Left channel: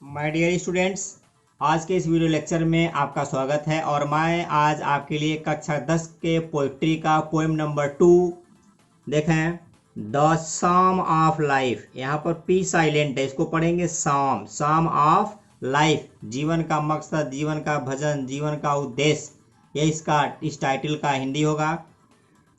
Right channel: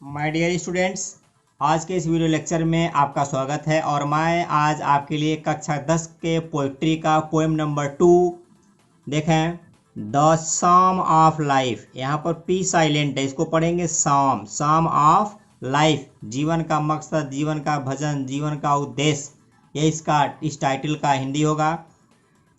My dear students, आज के इस वीडियो लेक्चर में आपका स्वागत है। और मैं आज आपके लिए कक्षा 10 के पोइट्री का पोएम नंबर 2 देखें, द सम ऑफ लाइफ। यहाँ पर पी साइलेंट है, इसको पढ़ेंगे सम ऑफ लाइफ। जीवन का मकसद, जीवन का भजन, जीवन का उद्देश्य, ये इस टाइटल का हिंदी होगा।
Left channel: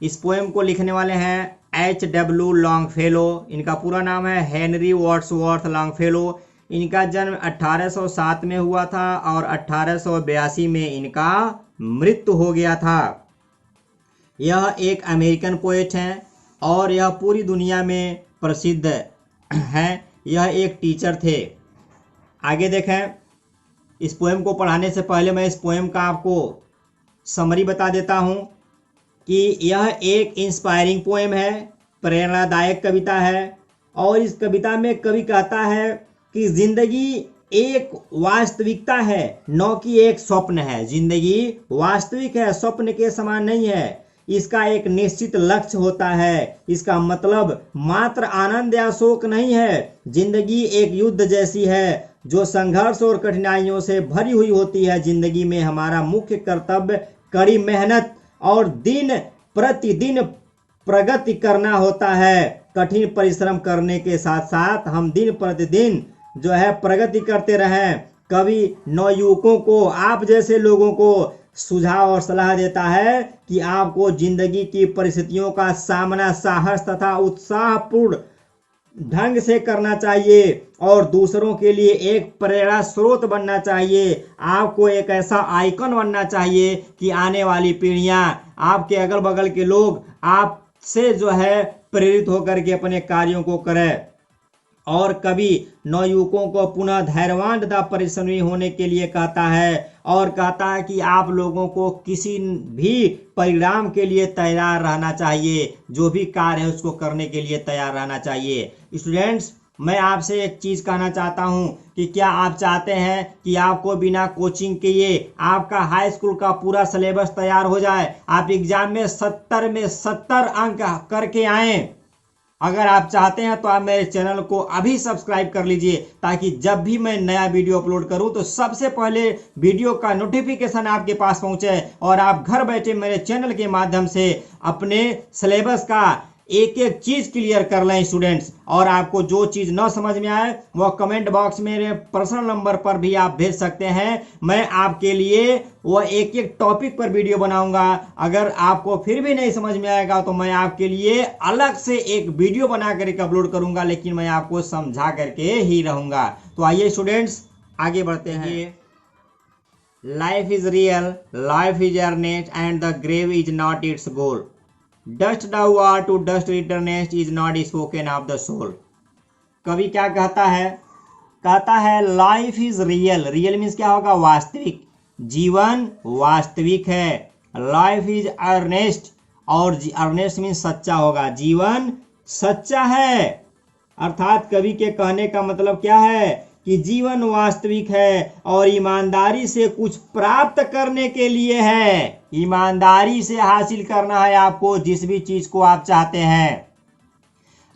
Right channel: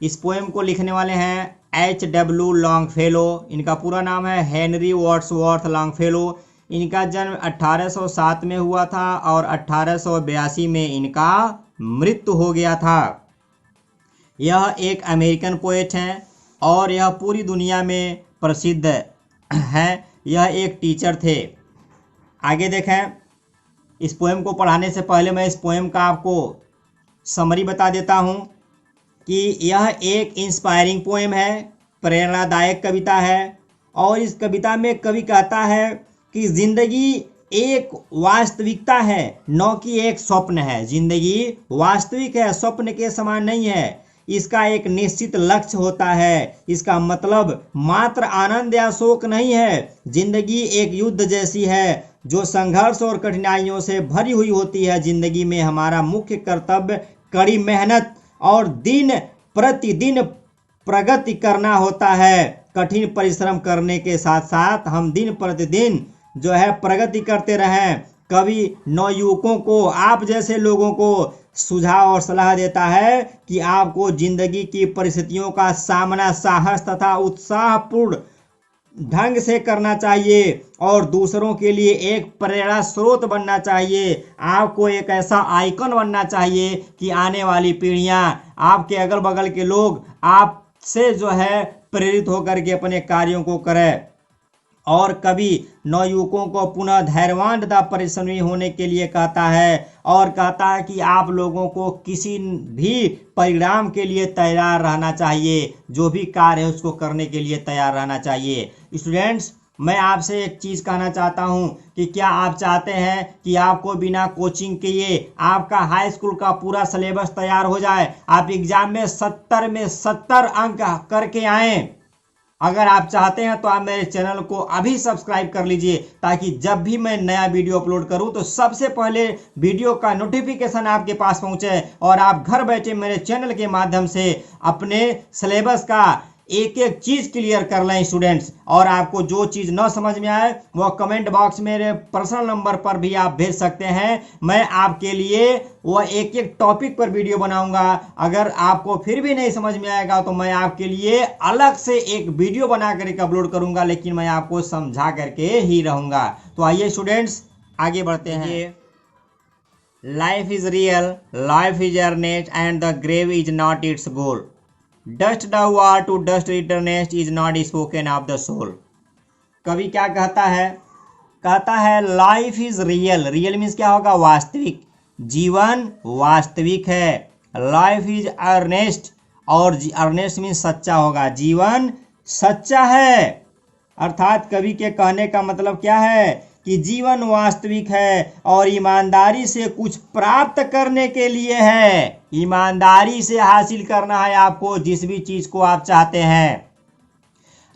इस पोएम को लिखने वाले हैं H.W. लॉन्गफेलो। इनका पूरा नाम है हेनरी वर्ड्सवर्थ लॉन्गफेलो। इनका जन्म 1807 में हुआ था और 1882 में इनका मृत्यु हो गया था। यह एक अमेरिकन पोएट हैं और यह पूरी दुनिया में प्रसिद्ध हैं। यह एक टीचर थे। आगे देखें, इस पोएम को पढ़ाने से पहले मैं इस पोएम का आपको समरी बता देता हूँ कि यह एक इंस्पायरिंग पोएम है, प्रेरणादायक कविता है। और इस कविता में कवि कहता है कि जिंदगी एक वास्तविकता है, न कि एक स्वप्न है। जिंदगी वास्तविक है, स्वप्न के समान नहीं है। इसका एक निश्चित लक्ष्य होता है। इसका मतलब मात्र आनंद या शोक नहीं है। जिंदगी एक युद्ध जैसी है जो संघर्ष और कठिनाइयों से भरी हुई होती है। जिंदगी में हमारा मुख्य कर्तव्य कड़ी मेहनत और दिन प्रतिदिन प्रगति करना होता है। कठिन परिश्रम करने के साथ साथ हम दिन प्रतिदिन प्रगति करते रहें। कवि नवयुवकों को, आप जैसे लोगों को सुझाव और सलाह देता है कि आपको जिंदगी की परिस्थितियों का सामना साहस तथा उत्साहपूर्ण ढंग से करना चाहिए और दूसरों के लिए एक प्रेरणा स्रोत बनना चाहिए। आपको एक ऐसा आइकन बनना चाहिए कि आने वाली पीढ़ियां, आपके अगल बगल के लोग आपसे प्रेरित होकर के अपने कार्यों को करें। और कवि नवयुवकों को पुनः धैर्यवान तथा परिश्रमी होने के लिए कहता है और कहता है कि आप लोगों को किसी भी परिणाम के लिए तैयार रहना चाहिए। जो भी कार्य है उसको करने के लिए तैयार रहना चाहिए। स्टूडेंट्स, मैं आपसे एक चीज़ कहना चाहता हूं कि क्या आप चाहते हैं कि आपको बिना कोचिंग किए आपका हाई स्कूल का पूरा सिलेबस तैयार हो जाए, आप एग्जाम में 70 में 70 अंक करके आएँ? अगर आप चाहते हैं तो आप मेरे चैनल को अभी सब्सक्राइब कर लीजिए, ताकि जब भी मैं नया वीडियो अपलोड करूं तो सबसे पहले वीडियो का नोटिफिकेशन आपके पास पहुंचे और आप घर बैठे मेरे चैनल के माध्यम से अपने सिलेबस का एक एक चीज़ क्लियर कर लें स्टूडेंट्स। और आपको जो चीज़ न समझ में आए वो कमेंट बॉक्स में मेरे पर्सनल नंबर पर भी आप भेज सकते हैं। मैं आपके लिए वो एक एक टॉपिक पर वीडियो बनाऊंगा। अगर आपको फिर भी नहीं समझ में आएगा तो मैं आपके लिए अलग से एक वीडियो बना करके अपलोड करूंगा, लेकिन मैं आपको समझा करके ही रहूंगा। तो आइए स्टूडेंट्स, आगे बढ़ते हैं। Life is real, life is earnest and the grave is not its goal. Dust thou art to dust returnest is not spoken of the soul। कवि क्या कहता है? कहता है life is real. Real means क्या होगा? वास्तविक। जीवन वास्तविक है। लाइफ इज अर्नेस्ट, और अर्नेस्ट मीन्स सच्चा होगा। जीवन सच्चा है। अर्थात कवि के कहने का मतलब क्या है कि जीवन वास्तविक है और ईमानदारी से कुछ प्राप्त करने के लिए है। ईमानदारी से हासिल करना है आपको जिस भी चीज को आप चाहते हैं।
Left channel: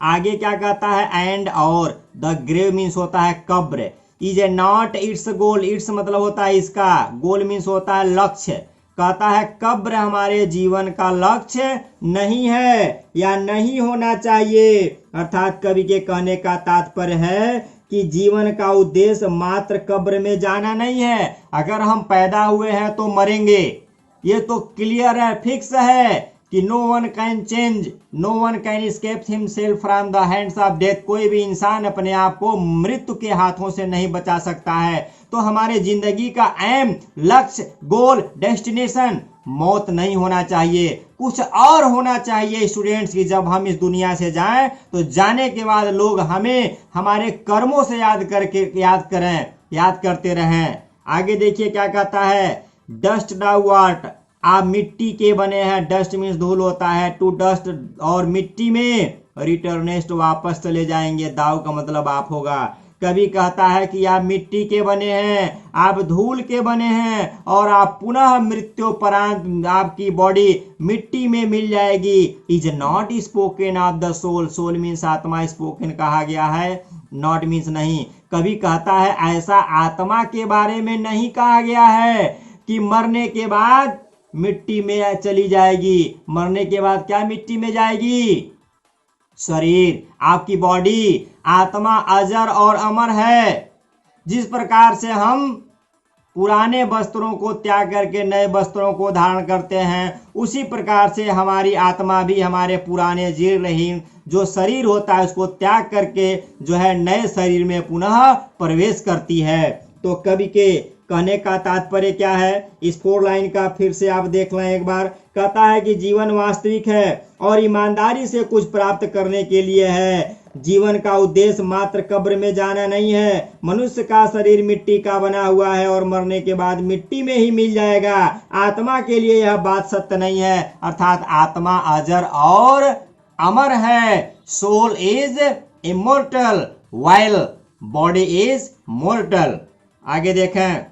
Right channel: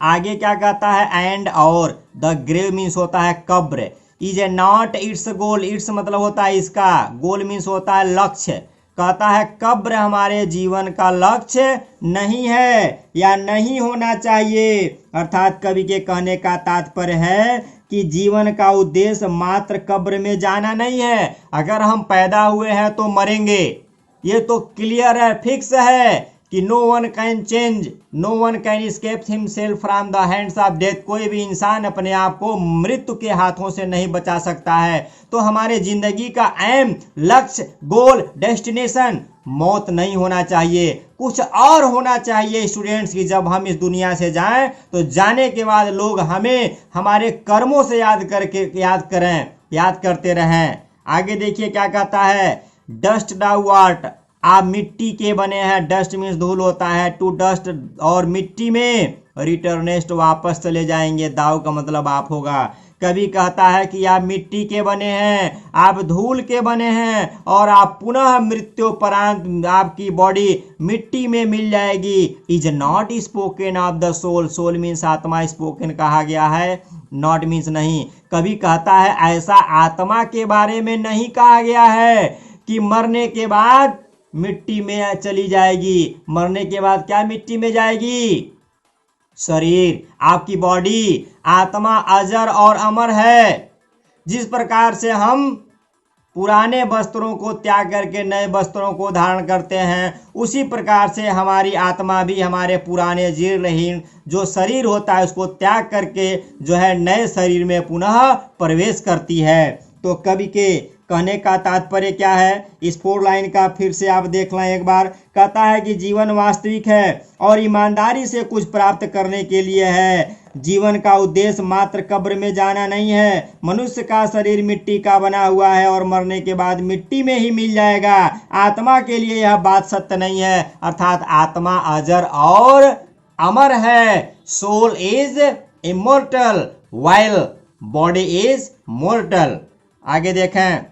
आगे क्या कहता है? एंड और द ग्रेव मीन्स होता है कब्र। Is a not its goal. It's मतलब होता है इसका, गोल मीन्स होता है लक्ष्य। कहता है कब्र हमारे जीवन का लक्ष्य नहीं है या नहीं होना चाहिए। अर्थात कवि के कहने का तात्पर्य है कि जीवन का उद्देश्य मात्र कब्र में जाना नहीं है। अगर हम पैदा हुए हैं तो मरेंगे, ये तो क्लियर है, फिक्स है कि no one can change, no one can escape himself from the hands of death. कोई भी इंसान अपने आप को मृत्यु के हाथों से नहीं बचा सकता है। तो हमारे जिंदगी का एम, लक्ष्य, गोल, डेस्टिनेशन मौत नहीं होना चाहिए, कुछ और होना चाहिए स्टूडेंट्स। की जब हम इस दुनिया से जाएं तो जाने के बाद लोग हमें हमारे कर्मों से याद करते रहें। आगे देखिए क्या कहता है? डस्ट thou art, आप मिट्टी के बने हैं। डस्ट मीन्स धूल होता है। टू डस्ट, और मिट्टी में रिटर्नेस्ट वापस चले जाएंगे। दाव का मतलब आप होगा। कवि कहता है कि आप मिट्टी के बने हैं, आप धूल के बने हैं और आप पुनः मृत्युपरांत आपकी बॉडी मिट्टी में मिल जाएगी। Is not spoken of the soul. Soul means आत्मा, स्पोकन कहा गया है, नॉट मीन्स नहीं। कवि कहता है ऐसा आत्मा के बारे में नहीं कहा गया है कि मरने के बाद मिट्टी में चली जाएगी। मरने के बाद क्या मिट्टी में जाएगी? शरीर, आपकी बॉडी, आत्मा अजर और अमर है। जिस प्रकार से हम पुराने वस्त्रों को त्याग करके नए वस्त्रों को धारण करते हैं, उसी प्रकार से हमारी आत्मा भी हमारे पुराने जीर्णहीन जो शरीर होता है उसको त्याग करके जो है नए शरीर में पुनः प्रवेश करती है। तो कवि के कहने का तात्पर्य क्या है? इस 4 लाइन का फिर से आप देख लें एक बार। कहता है कि जीवन वास्तविक है और ईमानदारी से कुछ प्राप्त करने के लिए है। जीवन का उद्देश्य मात्र कब्र में जाना नहीं है। मनुष्य का शरीर मिट्टी का बना हुआ है और मरने के बाद मिट्टी में ही मिल जाएगा। आत्मा के लिए यह बात सत्य नहीं है, अर्थात आत्मा अजर और अमर है। Soul is immortal while body is mortal. आगे देखें,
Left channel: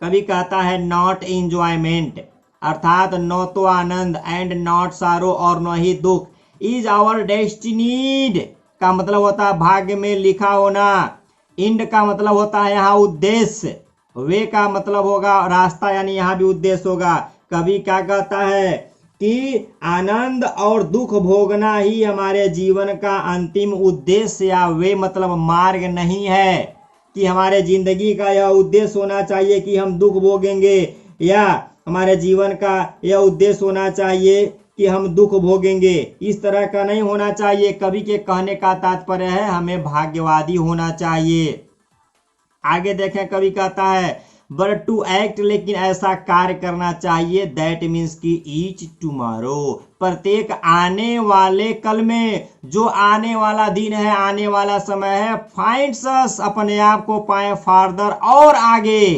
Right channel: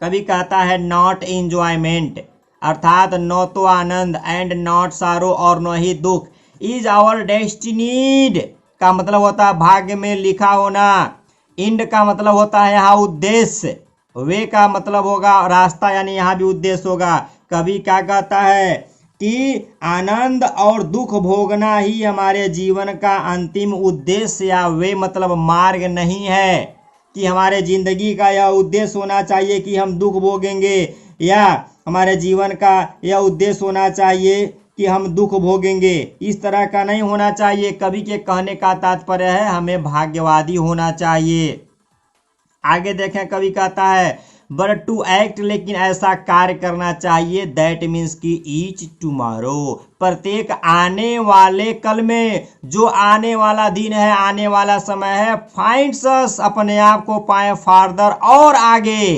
कभी कहता है नॉट इंजॉयमेंट, अर्थात न तो आनंद, एंड नॉट सारो और न ही दुख, इज आवर डेस्टिनीड का मतलब होता है भाग्य में लिखा होना। इंड का मतलब होता है यहाँ उद्देश्य। वे का मतलब होगा रास्ता, यानी यहाँ भी उद्देश्य होगा। कवि क्या कहता है कि आनंद और दुख भोगना ही हमारे जीवन का अंतिम उद्देश्य या वे मतलब मार्ग नहीं है कि हमारे जिंदगी का यह उद्देश्य होना चाहिए कि हम दुख भोगेंगे, या हमारे जीवन का यह उद्देश्य होना चाहिए कि हम दुख भोगेंगे। इस तरह का नहीं होना चाहिए। कवि के कहने का तात्पर्य है हमें भाग्यवादी होना चाहिए। आगे देखें, कवि कहता है बट टू एक्ट, लेकिन ऐसा कार्य करना चाहिए, दैट मीन्स की ईच टुमारो, प्रत्येक आने वाले कल में, जो आने वाला दिन है, आने वाला समय है, फाइंड्स अस, अपने आप को पाए फार्दर और आगे,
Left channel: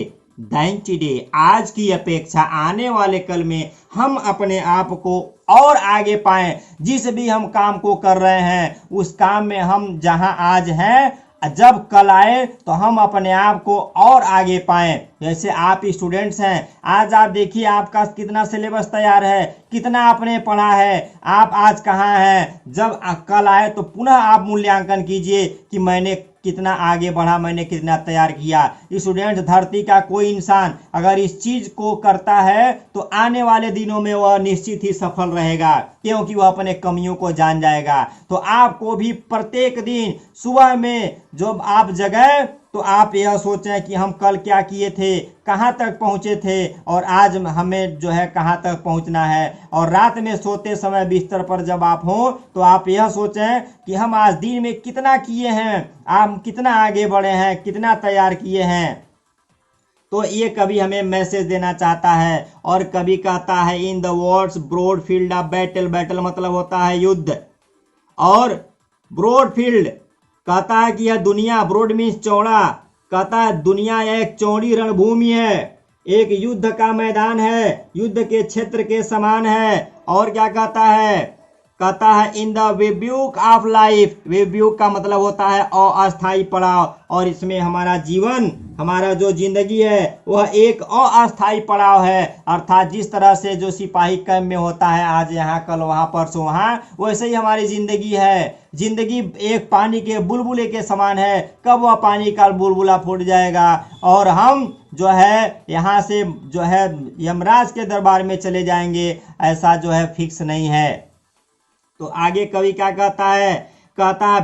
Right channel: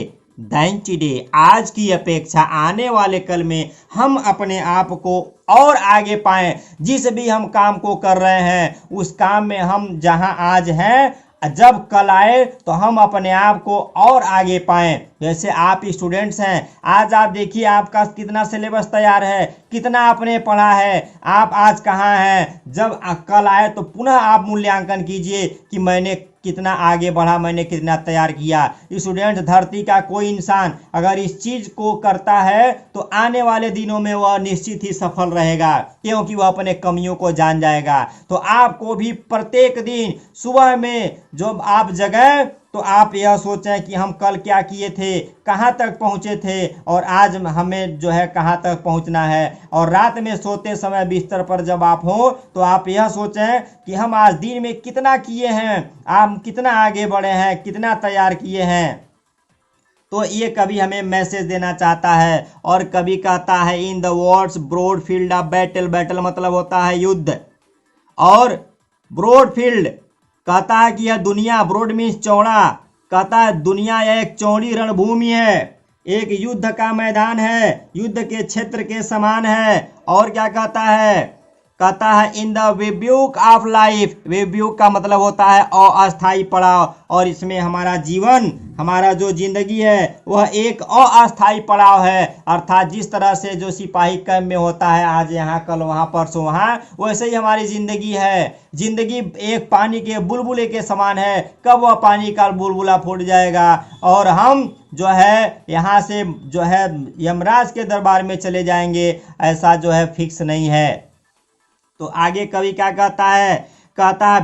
देन टुडे, आज की अपेक्षा आने वाले कल में हम अपने आप को और आगे पाएं। जिस भी हम काम को कर रहे हैं उस काम में हम जहां आज हैं, जब कल आए तो हम अपने आप को और आगे पाएं। जैसे आप स्टूडेंट्स हैं, आज आप देखिए आपका कितना सिलेबस तैयार है, कितना आपने पढ़ा है, आप आज कहाँ हैं। जब कल आए तो पुनः आप मूल्यांकन कीजिए कि मैंने कितना आगे बढ़ा, मैंने कितना तैयार किया। स्टूडेंट, धरती का कोई इंसान अगर इस चीज को करता है तो आने वाले दिनों में वह निश्चित ही सफल रहेगा, क्योंकि वह अपने कमियों को जान जाएगा। तो आपको भी प्रत्येक दिन सुबह में जब आप जगें तो आप यह सोचें कि हम कल क्या किए थे, कहाँ तक पहुँचे थे और आज हमें जो है कहाँ तक पहुँचना है। और रात में सोते समय बिस्तर पर जब आप हो तो आप यह सोचें कि हम आज दिन में कितना किए हैं, आप कितना आगे बढ़े हैं, कितना तैयार किए हैं। तो ये कवि हमें मैसेज देना चाहता है। और कवि कहता है in the world's broad field of battle, battle मतलब होता है युद्ध, और ब्रॉड फील्ड कहता है कि यह दुनिया, ब्रॉड मीन्स चौड़ा, कहता है दुनिया एक चौड़ी रणभूमि है, एक युद्ध का मैदान है, युद्ध के क्षेत्र के समान है। और क्या कहता है इन द वेब्यूक ऑफ लाइफ, वेब्यूक का मतलब होता है अस्थायी पड़ाव, और इसमें हमारा जीवन, हमारा जो जिंदगी है वह एक अस्थायी पड़ाव है। अर्थात जिस तरह से जो सिपाही कैंप में होता है, आज यहाँ कल वहाँ परसों वहाँ, वैसे ही हमारी जिंदगी है। जिंदगी एक पानी के बुलबुले के समान है, कब वह पानी का बुलबुला फूट जाएगा और हम जो है यहाँ से जो है यमराज के दरबार में चले जाएंगे, ऐसा जो है फिक्स नहीं है। तो आगे कवि क्या कहता है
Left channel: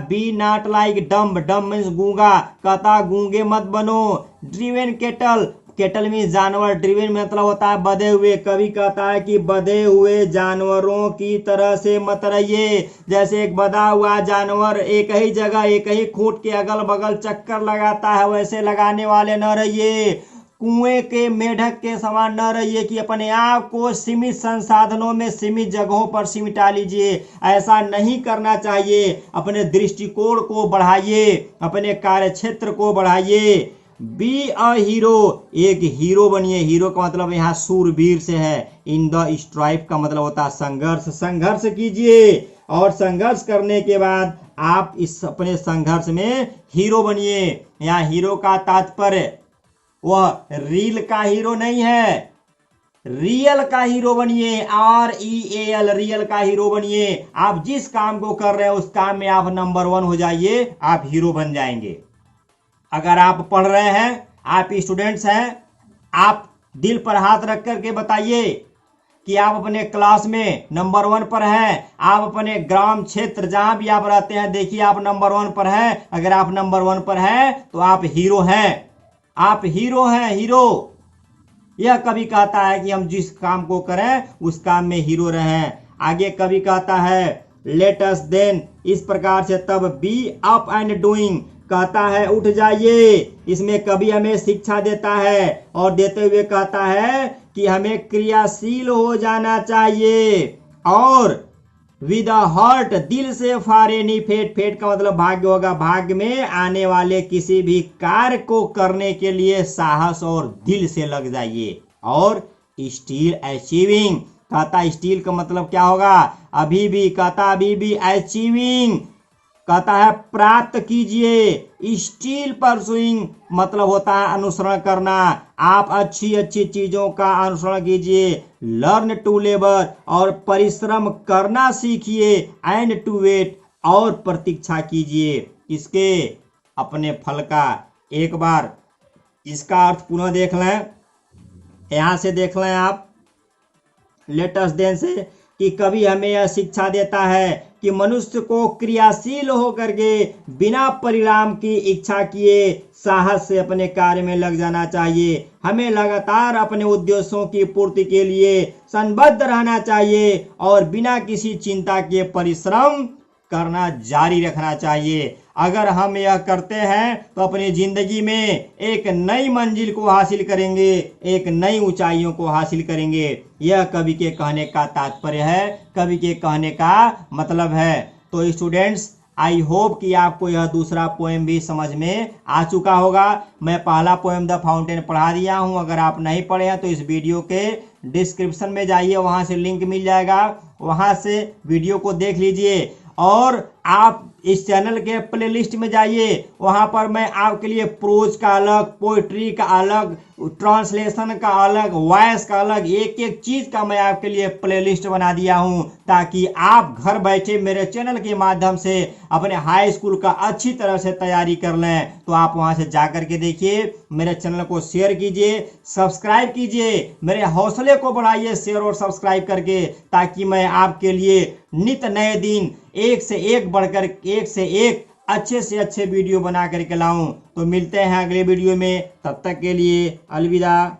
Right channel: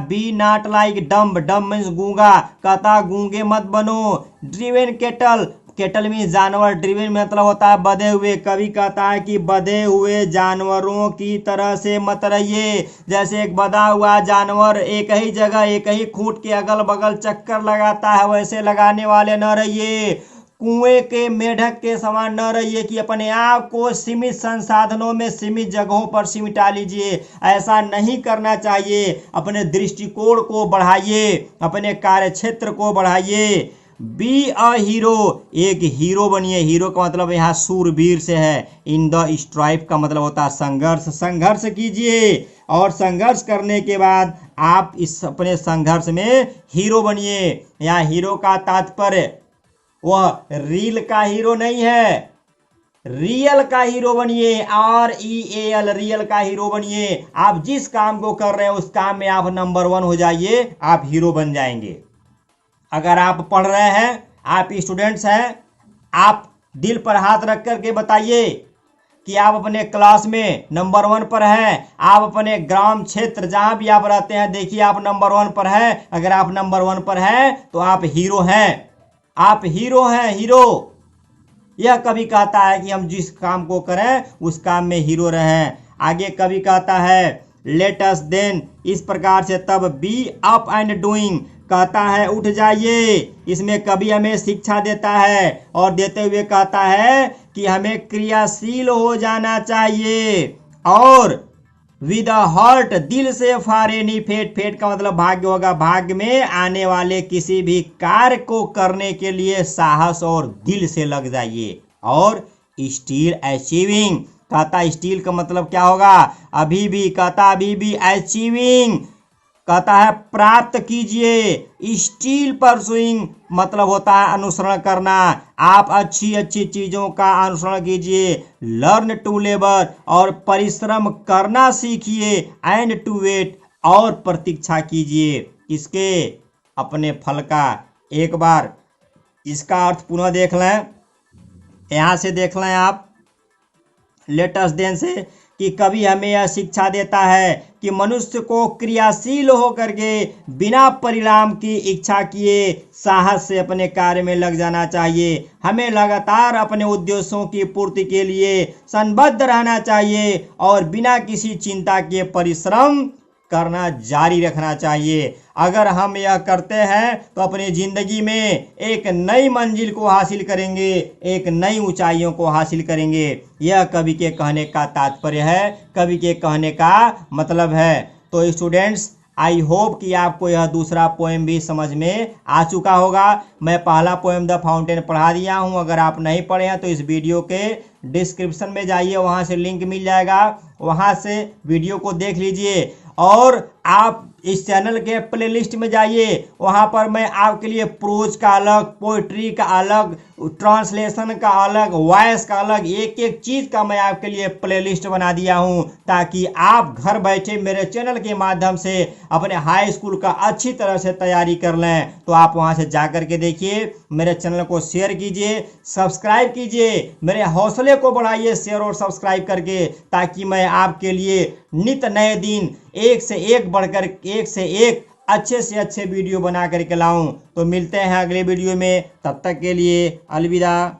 be not like dumb, dumb means गूंगा, कहता गूंगे मत बनो। ड्रिवेन केटल, केटल मीन्स जानवर, ड्रिवेन मतलब होता है बधे हुए। कवि कहता है कि बधे हुए जानवरों की तरह से मत रहिए। जैसे एक बधा हुआ जानवर एक ही जगह, एक ही खूंट के अगल बगल चक्कर लगाता है, वैसे लगाने वाले न रहिए। कुएं के मेढक के समान न रहिए कि अपने आप को सीमित संसाधनों में, सीमित जगहों पर सिमटा लीजिए। ऐसा नहीं करना चाहिए। अपने दृष्टिकोण को बढ़ाइए, अपने कार्य क्षेत्र को बढ़ाइए। बी अ हीरो, एक हीरो बनिए। हीरो का मतलब यहाँ सूरवीर से है। इन द स्ट्राइफ का मतलब होता है संघर्ष, संघर्ष कीजिए और संघर्ष करने के बाद आप इस अपने संघर्ष में हीरो बनिए। यहाँ हीरो का तात्पर्य वह रील का हीरो नहीं है, रियल का हीरो बनिए। REAL, रियल का हीरो बनिए। आप जिस काम को कर रहे हैं उस काम में आप नंबर 1 हो जाइए, आप हीरो बन जाएंगे। अगर आप पढ़ रहे हैं, आप स्टूडेंट्स हैं, आप दिल पर हाथ रख करके बताइए कि आप अपने क्लास में नंबर 1 पर हैं। आप अपने ग्राम क्षेत्र जहां भी आप रहते हैं, देखिए आप नंबर 1 पर हैं। अगर आप नंबर 1 पर हैं तो आप हीरो हैं, आप हीरो हैं, हीरो। यह कवि कहता है कि हम जिस काम को करें उस काम में हीरो रहें। आगे कवि कहता है लेट अस देन, इस प्रकार से तब बी अप एंड डूइंग, कहता है उठ जाइए। इसमें कवि हमें शिक्षा देता है और देते हुए कहता है कि हमें क्रियाशील हो जाना चाहिए और विद हार्ट, दिल से फारे नहीं फेट, फेट का मतलब भाग्य होगा, भाग्य में आने वाले किसी भी कार्य को करने के लिए साहस और दिल से लग जाइए। और स्टिल अचीविंग, कहता स्टिल का मतलब क्या होगा, अभी भी, कहता अभी भी, अचीविंग कहता है प्राप्त कीजिए। स्टिल परसुइंग मतलब होता है अनुसरण करना, आप अच्छी अच्छी चीजों का अनुसरण कीजिए। लर्न टू लेबर, और परिश्रम करना सीखिए। एंड टू वेट, और प्रतीक्षा कीजिए इसके अपने फल का। एक बार इसका अर्थ पुनः देख लें, यहां से देख लें आप लेटेस्ट देन से, कि कभी हमें यह शिक्षा देता है कि मनुष्य को क्रियाशील होकर के बिना परिणाम की इच्छा किए साहस से अपने कार्य में लग जाना चाहिए। हमें लगातार अपने उद्देश्यों की पूर्ति के लिए संबद्ध रहना चाहिए और बिना किसी चिंता के परिश्रम करना जारी रखना चाहिए। अगर हम यह करते हैं तो अपनी जिंदगी में एक नई मंजिल को हासिल करेंगे, एक नई ऊंचाइयों को हासिल करेंगे। यह कवि के कहने का तात्पर्य है, कवि के कहने का मतलब है। तो स्टूडेंट्स, आई होप कि आपको यह दूसरा पोएम भी समझ में आ चुका होगा। मैं पहला पोएम द फाउंटेन पढ़ा दिया हूं, अगर आप नहीं पढ़े हैं तो इस वीडियो के डिस्क्रिप्शन में जाइए, वहां से लिंक मिल जाएगा, वहां से वीडियो को देख लीजिए। और आप इस चैनल के प्लेलिस्ट में जाइए, वहां पर मैं आपके लिए प्रोज का अलग, पोइट्री का अलग, ट्रांसलेशन का अलग, वॉइस का अलग, एक एक चीज का मैं आपके लिए प्लेलिस्ट बना दिया हूं, ताकि आप घर बैठे मेरे चैनल के माध्यम से अपने हाई स्कूल का अच्छी तरह से तैयारी कर लें। तो आप वहां से जाकर के देखिए, मेरे चैनल को शेयर कीजिए, सब्सक्राइब कीजिए, मेरे हौसले को बढ़ाइए शेयर और सब्सक्राइब करके, ताकि मैं आपके लिए नित नए दिन एक से एक बढ़कर एक से एक अच्छे से अच्छे वीडियो बना करके लाऊं। तो मिलते हैं अगले वीडियो में, तब तक के लिए अलविदा।